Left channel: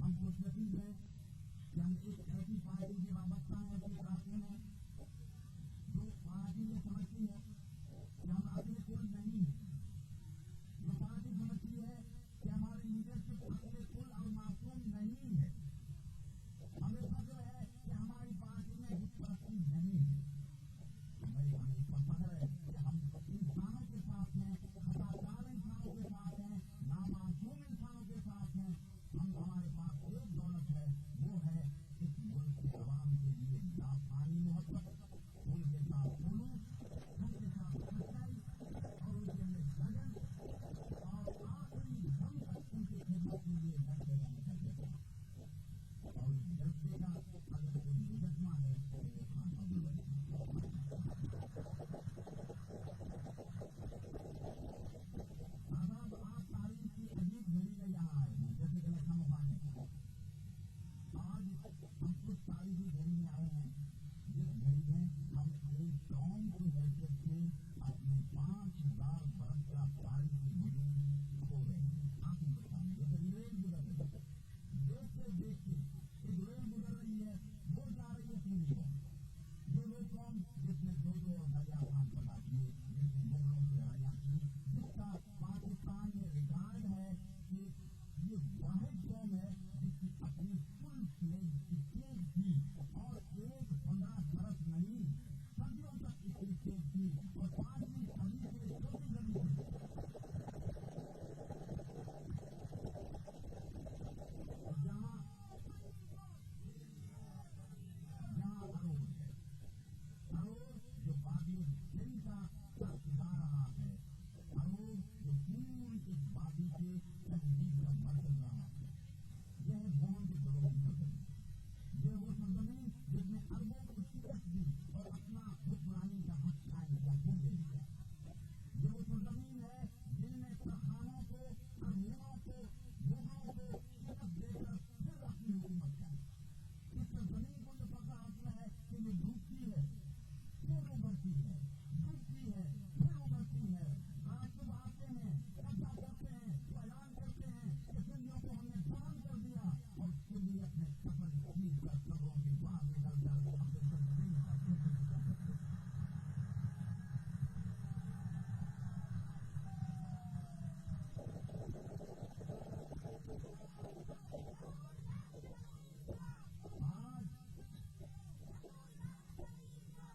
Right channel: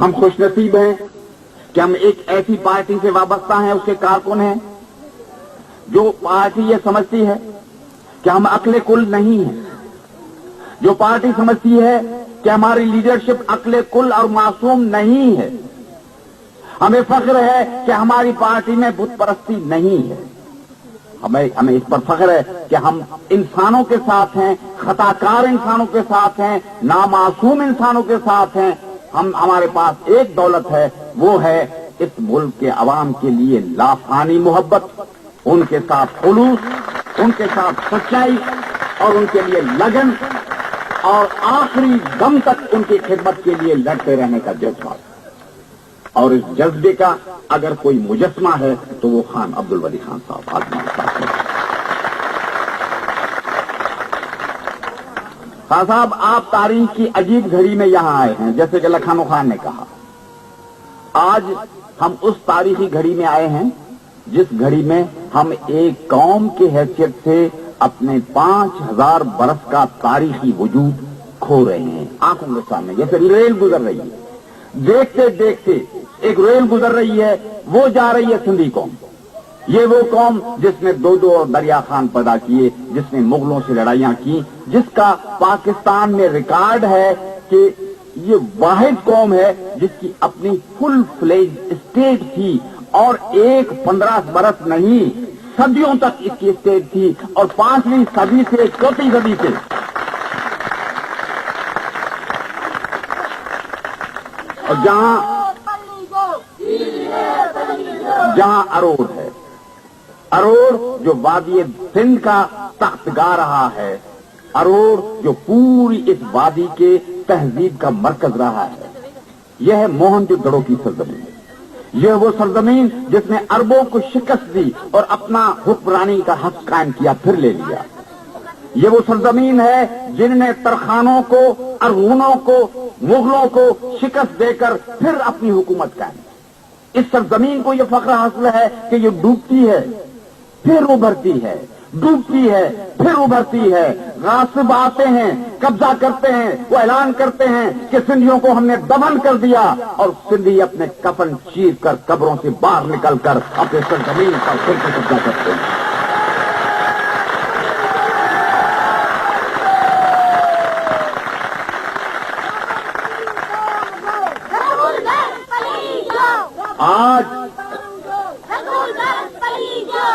ہم خوش نصیب ہیں کہ ہم ایک ایسی پارٹی سے وابستہ ہیں، اس کے کارکن ہیں، جو پارٹی یہ سمجھتی ہے کہ ہم عقل کل نہیں ہیں، جو پارٹی سمجھتی ہے کہ ہماری لیڈرشپ عقل کل اور معصوم نہیں ہے۔ ہمیں فخر ہے کہ ہماری پارٹی میں بت پرستی نہیں ہے۔ ہمیں اس پر فخر ہے کہ ہم انسانوں کے ساتھ ہیں، خطا کار انسانوں کے ساتھ ہیں، نامعصوم انسانوں کے ساتھ ہیں۔ ہمارے پاس ایک دولت ہے، وہ ہے اس ملک کے عوام کے لیے لافانی محبت، ان کے ساتھ خلوص، ان کے ساتھ سچائی اور ان کے لیے لگن اور آخری دم تک ان کی خدمت کے لیے لڑتے رہنے کا جذبہ۔ اور اس جذبے کا اگر کوئی مجسمہ ہے تو وہ خان عبدالولی خان صاحب خان صاحب، آپ تاریخ کی عجیب گھڑی میں یہاں آئے ہیں، جیسے کہ لکھنؤ خان نے کہا۔ آج ہم اس تاریخی گھڑی میں آئے ہیں جس گھڑی میں ہم ایک قوم کی حیثیت سے اپنے 5000 برس کا تاریخی وجود کھو رہے ہیں آنکھوں کے سامنے، جیسے ریل گزر رہی ہے، دیکھتے دیکھتے ایک ریل گزر رہی ہے، وہ جا رہی ہے سندھی قوم۔ یہ وہ قوم جس نے دو دریا خان پیدا کیے، جس نے مغلوں سے لڑائیاں کی، جس کا پاکستان میں ریکارڈ ہے کہ یہ واحد قوم ہے جس کی اپنی فل فلیج اسٹیٹ تھی، اور 15 برس نہیں، صدیوں تک اس کی اسٹیٹ تھی، اور 5ویں صدی سے 4 صدی سے اور جہاں اروڑ ہے، اروڑ جو وادی سندھ کا تخت گا رہا ہے، اروڑ جو پوری اس وادی کے تہذیب کا مرکز رہا ہے، یہ ہے موہن جو دڑو کی سرزمین۔ یہ وہ سرزمین جس نے عربوں کو شکست دی اور اپنا حکمرانی کا حق قائم کیا، پھر لے لیا۔ یہ وہ سرزمین ہے جن نے ترخانوں کو، ارغونوں کو، مغلوں کو شکست دے کر پھر اپنی حکومت قائم کی۔ اس سرزمین کو یہ فخر حاصل ہے کہ یہ ڈوبتی ہے پھر ابھرتی ہے، ڈوبتی ہے پھر ابھرتی ہے۔ غاصب آتے ہیں، قبضہ کرتے ہیں، وہ اعلان کرتے ہیں کہ سندھیوں کو ہم نے دفن کر دیا، اور سندھی اپنے کفن چیر کر قبروں سے باہر نکل کر اپنے سرزمین پر پھر سے قبضہ کرتے ہیں۔ آج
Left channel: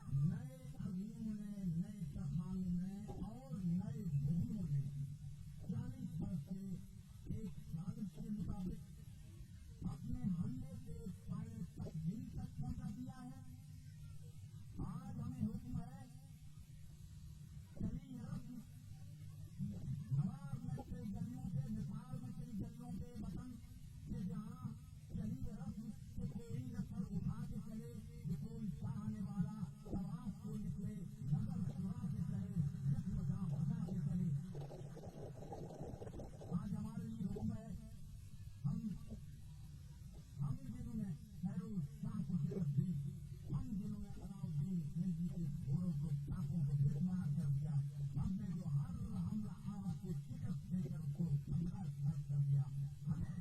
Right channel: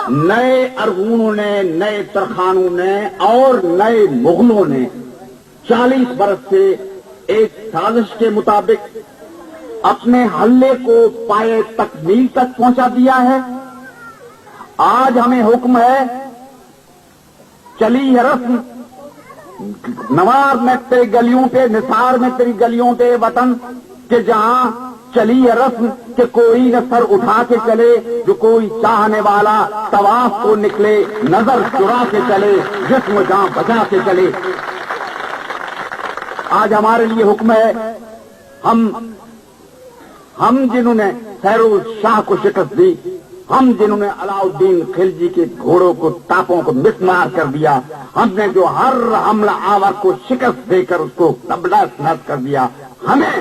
نئے ارغونوں نے، نئے ترخانوں نے اور نئے مغلوں نے 40 برس سے ایک سازش کے مطابق اپنے حملے کو پائے تکمیل تک پہنچا دیا ہے۔ آج ہمیں حکم ہے، چلی ہے رسم، نوار میں تیری گلیوں پہ، نثار میں تیری گلیوں پہ وطن، کہ جہاں چلی ہے رسم کہ کوئی نہ سر اٹھا کے چلے، جو کوئی چاہنے والا طواف کو نکلے، نظر چرا کے چلے، جسم جان بچا کے چلے۔ آج ہمارے لیے حکم ہے، ہم جنہوں نے فیروز شاہ کو شکست دی، ہم جنہوں نے علاؤالدین خلجی کے گھوڑوں کو، ٹاپوں کو مسمار کر دیا، ہم نے جو ہر حملہ آور کو شکست دے کر اس کو تبدیل کر دیا، ہمیں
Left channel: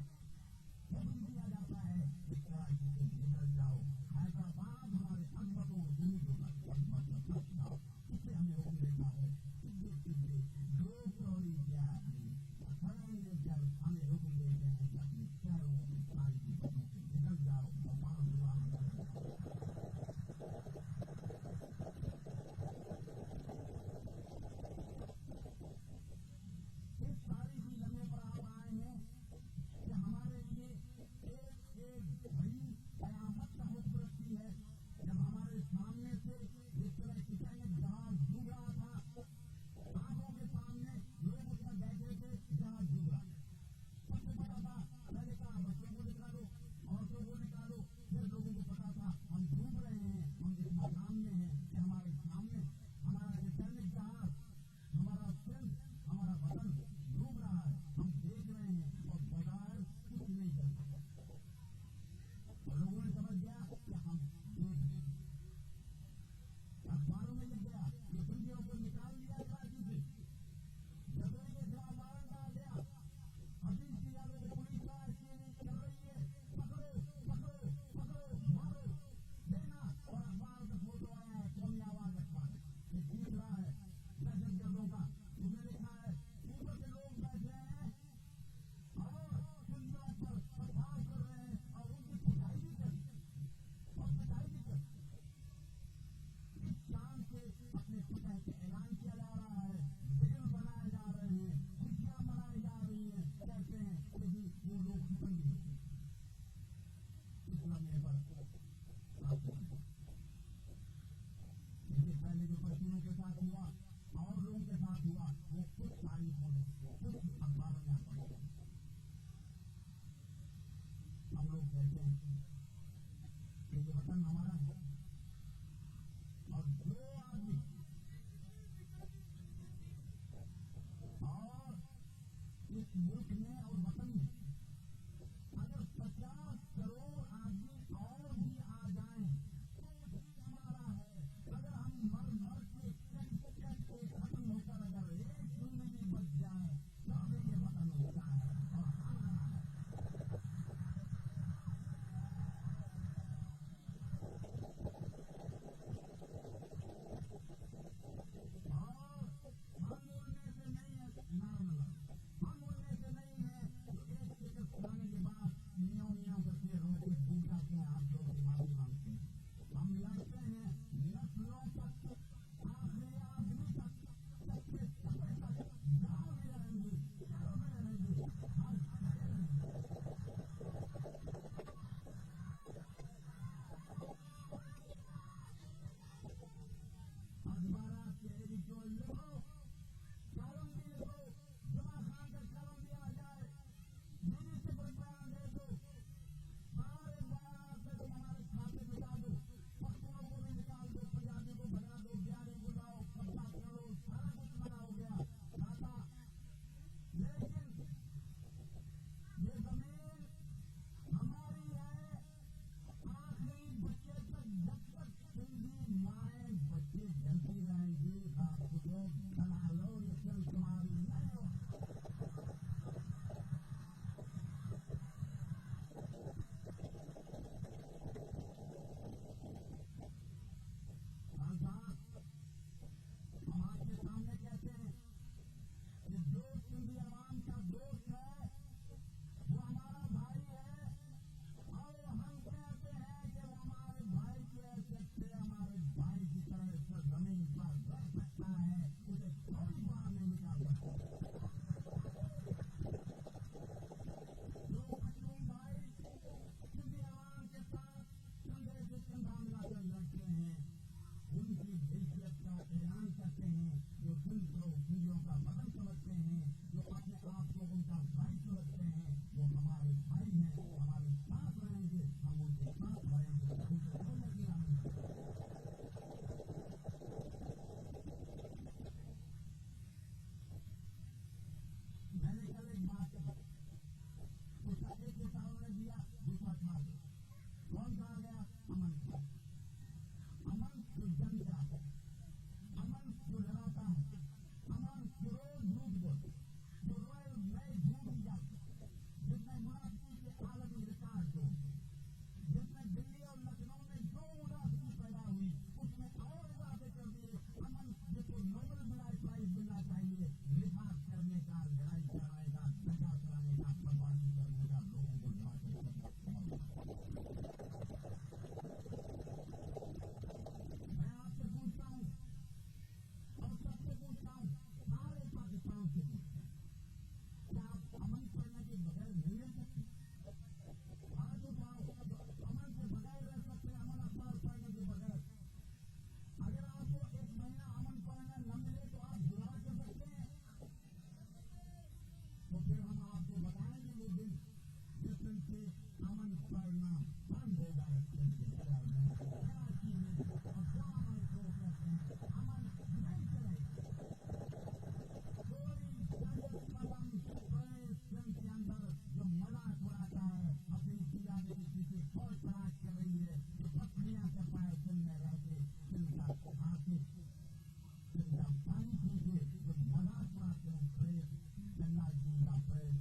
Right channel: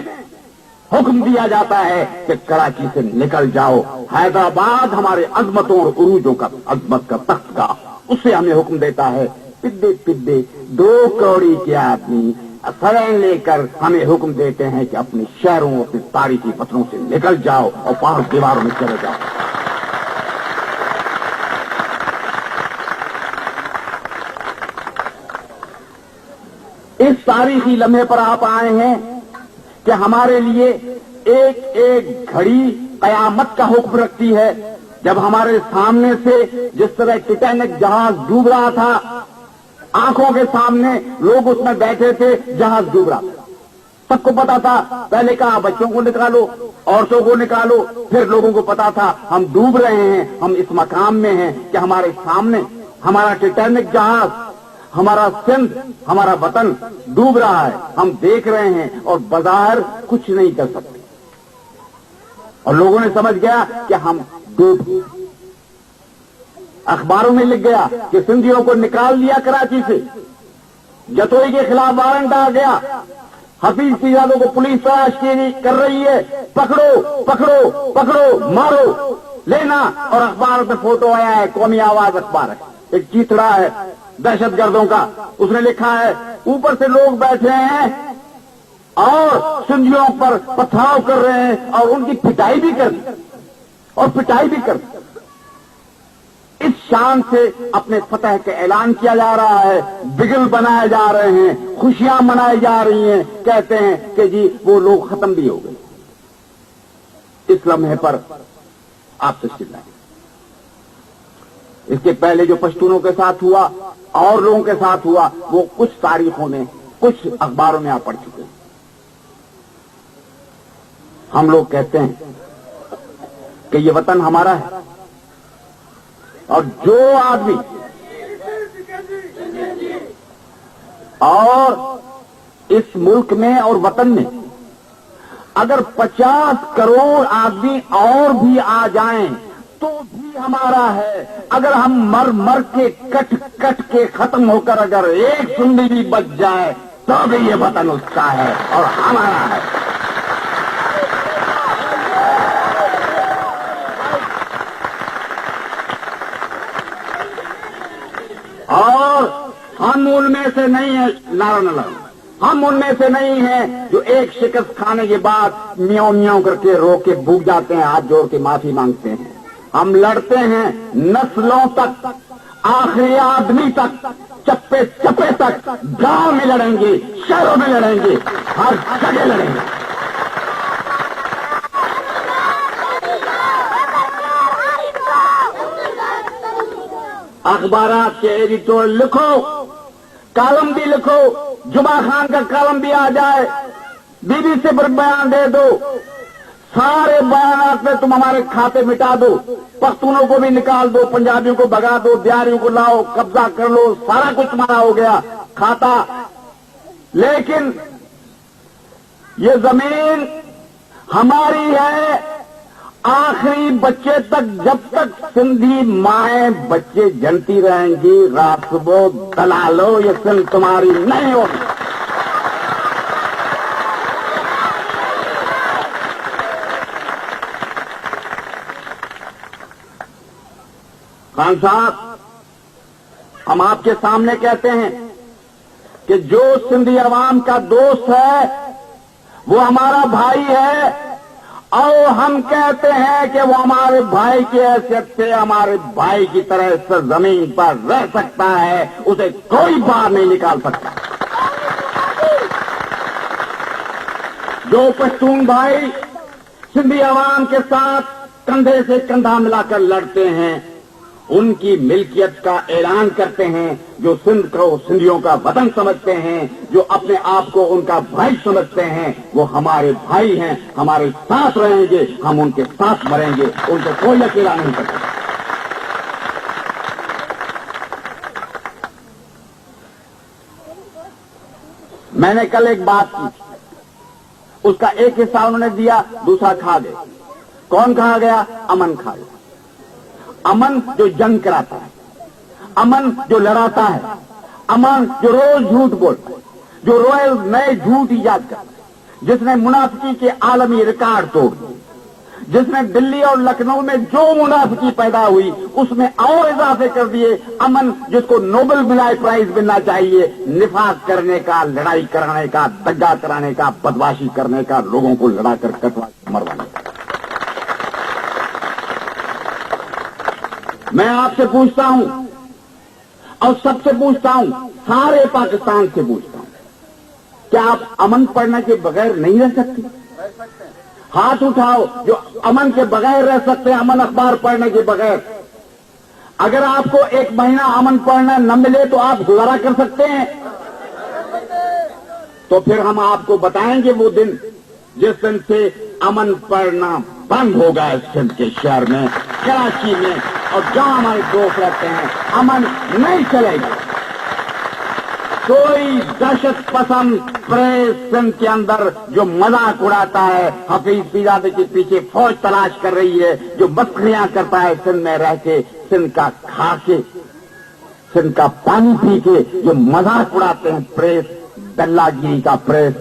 حکم دیا جاتا ہے کہ کراچی سے نکل جاؤ۔ حیدرآباد ہمارے عظمتوں اور عروجوں کا، عظمت کا تخت گاہ، اسے ہمیں حکم دیتا ہے۔ پدے پدے 2 کوڑی کے آدمی سرین لے کر ہمیں حکم دیتے ہیں کہ اپنے شہروں، اپنے تاریخی وطنوں سے نکل جاؤ اور پانچ دیواروں میں چلے جاؤ۔ اس تاریخی لمحے پر آپ آئے ہیں کہ ہمارے لیے ایک ایک گھڑی قیامت کا حکم رکھتی ہے۔ جب ہمارے سامنے سے جس طرح ٹیٹینک جہاز ڈوب رہا تھا، آنکھوں کے سامنے لوگ اس میں بیٹھے تھے، جہاز ڈوب رہا تھا، سب کو پتا تھا۔ پہلے کہا بچوں کو نکالو، عورتوں کو نکالو، پھر لوگوں کو پتا تھا ہم ڈوب رہے ہیں، ہم اس مقام میں ہیں کہ ہمارے سامنے ہمارا ٹیٹینک جہاز، ہمارا سندھ، ہمارا وطن ڈوب رہا ہے، ہم دیکھ رہے ہیں اور بظاہر کچھ نہیں کر سکتے۔ اور لوگوں نے سمجھ گیا کہ ہم ڈوب گئے۔ اخباروں میں لکھ گیا کہ سندھیوں کو نکال لیا کراچی سے، جتوئی کے خلاف وارنٹ آ گیا، حفیظ پیرادوں کو پولیس تلاش کر رہی ہے، پکڑو پکڑو پکڑو، مارو، لینا. اور اخبار میں فوٹو آیا ہے، قومی آواز اخبار ہے، ایک چیتڑا ہے دہشت گردوں کا، اس نے لکھا ہے اوپر سے لوگ بیٹھے ہیں اور سندھیوں پر پتھراؤ کر رہے ہیں اور ان کی پٹائی بھی کر دی اور پٹائی بھی کر دی. اس شان سے اپنے فتح کا اعلان کیا جا رہا ہے، بگل بنائے جا رہے ہیں، خوشیاں منائی جا رہی ہیں، کہتے ہیں کہ جی وہ لوگ ختم بھی ہو گئے. اس لمحے پر آپ سے چلائیں. اس کے پہلے جو پشتونوں کے ساتھ ہوا اور لوگوں کے ساتھ ہوا وہ کچھ تاریخوں میں، کچھ اخباروں میں آپ پڑھ چکے ہیں. ہم لوگ کہتے ہیں کہ یہ وطن ہمارا ہے اور جو آدمی اور اس ملک میں اور وطن میں اگر 50 کروڑ آدمی اور بھی آ جائیں تو بھی ہمارا ہے. اگر ہم مر مر کے کٹ کٹ کے ختم ہو کر اگر ایک سنڈی بھی بچ جائے تو بھی یہ وطن اس کا ہے اور ہمارا ہے. اور ہم ان میں سے نہیں ہیں، نعرہ نہ لگاؤ، ہم ان میں سے نہیں ہیں جو ایک شکست کھانے کے بعد میاؤں میاؤں کر کے رو کے بھوک جاتے ہیں، ہاتھ جوڑ کے معافی مانگتے ہیں. ہم لڑتے ہیں نسلوں تک، آخری آدمی تک، چپے چپے تک. گاؤں میں لڑیں گے، شہروں میں لڑیں گے، ہر جگہ لڑیں گے. اخبارات کے ایڈیٹور لکھو، کالم بھی لکھو، جمعہ خان کا کالم بھی آ جائے، بی بی سی پر بیان دے دو، سارے بیانات میں تم ہمارے کھاتے مٹا دو، پختونوں کو بھی نکال دو، پنجابیوں کو بھگا دو، بہاریوں کو لاؤ، قبضہ کر لو، سارا کچھ تمہارا ہو گیا کھاتا. لیکن یہ زمین ہماری ہے آخری بچے تک. جب تک سندھی مائیں بچے جنتی رہیں گی، غاصبو دلالو، یہ سندھ تمہاری نہیں ہوگی. خان صاحب، ہم آپ کے سامنے کہتے ہیں کہ جو سندھی عوام کا دوست ہے وہ ہمارا بھائی ہے، اور ہم کہتے ہیں کہ وہ ہمارے بھائی کی حیثیت سے ہمارے بھائی کی طرح اس زمین پر رہ سکتا ہے، اسے کوئی باہر نہیں نکال سکتا. جو پشتون بھائی سندھی عوام کے ساتھ کندھے سے کندھا ملا کر لڑتے ہیں، ان کی ملکیت کا اعلان کرتے ہیں، جو سندھ کو سندھیوں کا وطن سمجھتے ہیں، جو اپنے آپ کو ان کا بھائی سمجھتے ہیں، وہ ہمارے بھائی ہیں، ہمارے ساتھ رہیں گے، ہم ان کے ساتھ مریں گے، ان کو کوئی اکیلا نہیں کرتا. میں نے کل ایک بات کی، اس کا ایک حصہ انہوں نے دیا، دوسرا کھا گئے. کون کھا گیا؟ امن کھا گیا. امن جو جنگ کراتا ہے، امن جو لڑاتا ہے، امن جو روز جھوٹ بولتا ہے، جو روز نئے جھوٹ ایجاد کرتا ہے، جس نے منافقی کے عالمی ریکارڈ توڑ دیے، جس نے دلی اور لکھنؤ میں جو منافقی پیدا ہوئی اس میں اور اضافے کر دیے. امن جس کو نوبل پرائز ملنا چاہیے، نفاق کرنے کا، لڑائی کرانے کا، دگا کرانے کا، بدماشی کرنے کا، لوگوں کو لڑا کر کٹوا مروانے کا. میں آپ سے پوچھتا ہوں اور سب سے پوچھتا ہوں، سارے پاکستان سے پوچھتا ہوں، کیا آپ امن پڑھنے کے بغیر نہیں رہ سکتے؟ ہاتھ اٹھاؤ جو امن کے بغیر رہ سکتے ہیں، امن اخبار پڑھنے کے بغیر. اگر آپ کو ایک مہینہ امن پڑھنا نہ ملے تو آپ گزارا کر سکتے ہیں؟ تو پھر ہم آپ کو بتائیں گے وہ دن جس دن سے امن پڑھنا بند ہوگا اس سندھ کے شہر میں، کراچی میں، اور جہاں ہمارے دوست رہتے ہیں امن نہیں چلے گا. کوئی دہشت پسند پریس سندھ کے اندر جو مذاق اڑاتا ہے، حفیظ پیرادے کے پیچھے فوج تلاش کر رہی ہے، جو مسخریاں کرتا ہے سندھ میں رہ کے، سندھ کا کھا کے، سندھ کا پانی پی کے جو مذاق اڑاتے ہیں پریس، دلہ گیری کا پریس،